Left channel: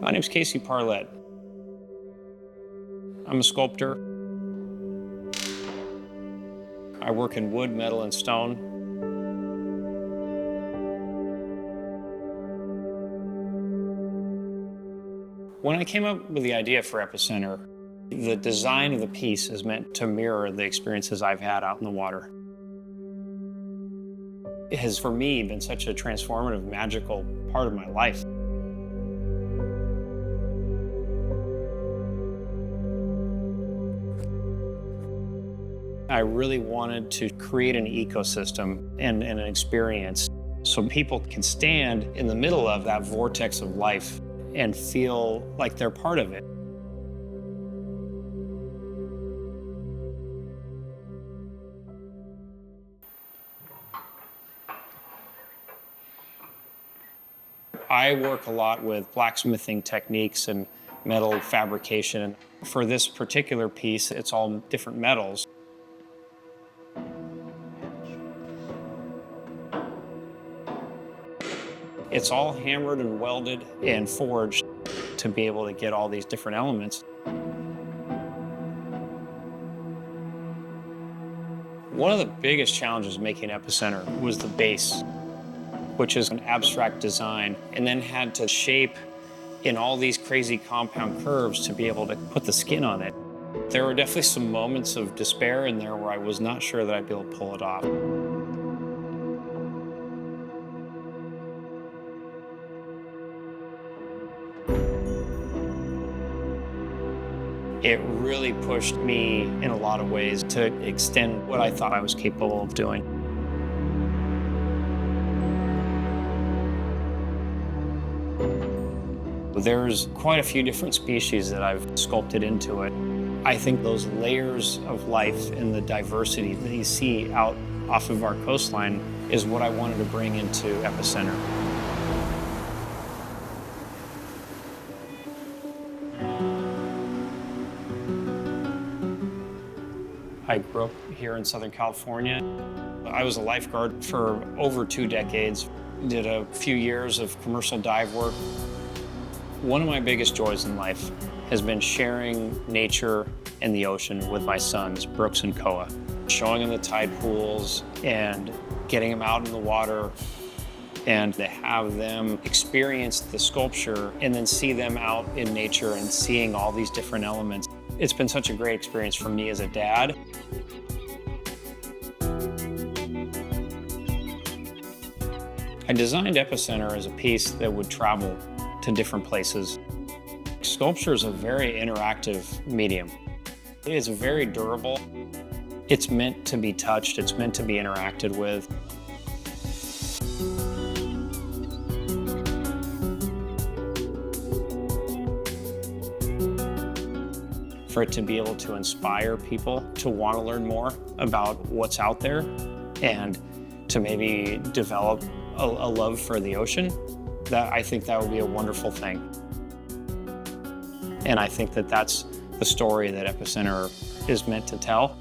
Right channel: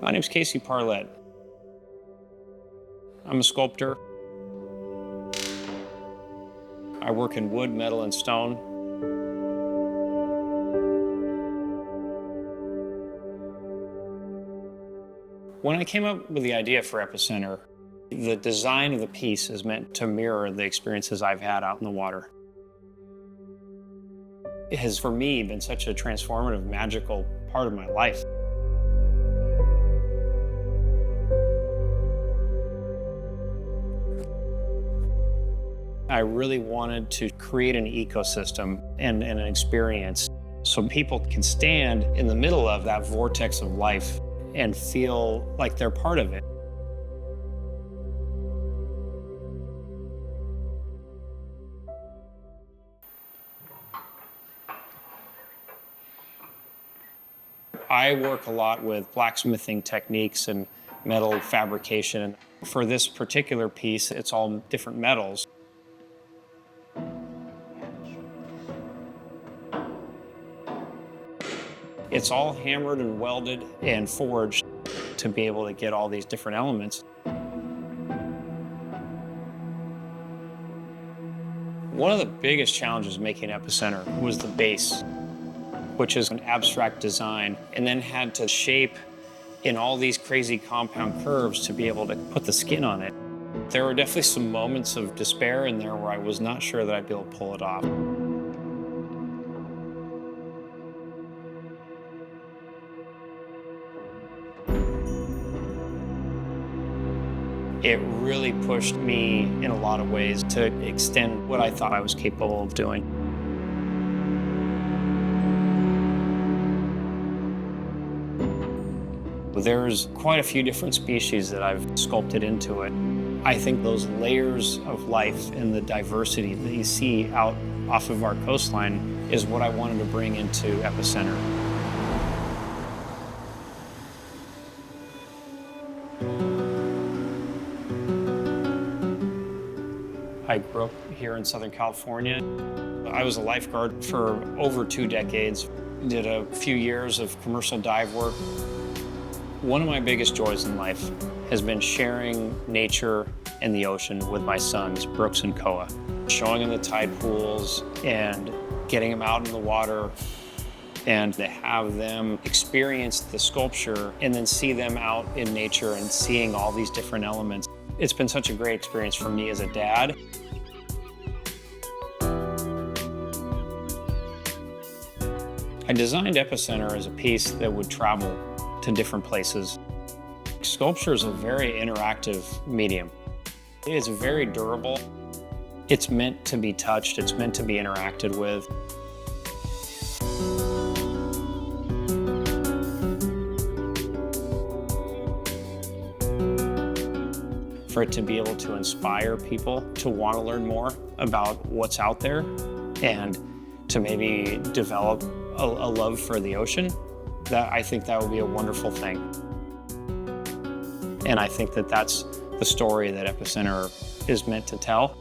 My name's Casey Parlette. I'm a sculptor. I work in wood, metal, and stone. When I came up with the idea for Epicenter, the design of the piece is meant to mirror the experiences I've had out in the water. It has, for me, been such a transformative, magical part of my life. I really wanted to create an ecosystem and an experience so people can stand in the middle of that vortex of life and feel like they're part of it. I work a lot with blacksmithing techniques and metal fabrication. For this particular piece, it's all different metals. It's all hammered and welded and forged to be able to get all these different elements. One of the biggest challenges making Epicenter was the base, which is an abstract design, and then had to shape in all these crazy compound curves to be able to put the skin on it. There were definitely some moments of despair in there where I was not sure that I'd be able to pull it off. It really pushed me in a lot of ways to extend what I thought I was capable of doing. There's quite a few different species that I've sculpted into it. I think those layers of life and the diversity that you see out off of our coastline is what I wanted to bring into Epicenter. I grew up here in Southern California. I was a lifeguard for over 2 decades, did a few years of commercial dive work. One of my biggest joys in life has been sharing nature and the ocean with my sons, Brooks and Koa. Showing them the tide pools and getting them out in the water and to have them experience the sculpture and then see them out in nature and seeing all these different elements. It's been such a great experience for me as a dad. I designed Epicenter as a piece that would travel to different places. Sculpture is a very interactive medium. It's very durable. It's meant to be touched. It's meant to be interacted with. For it to be able to inspire people to want to learn more about what's out there and to maybe develop a love for the ocean, I think that would be a wonderful thing. And I think that that's the story that Epicenter is meant to tell.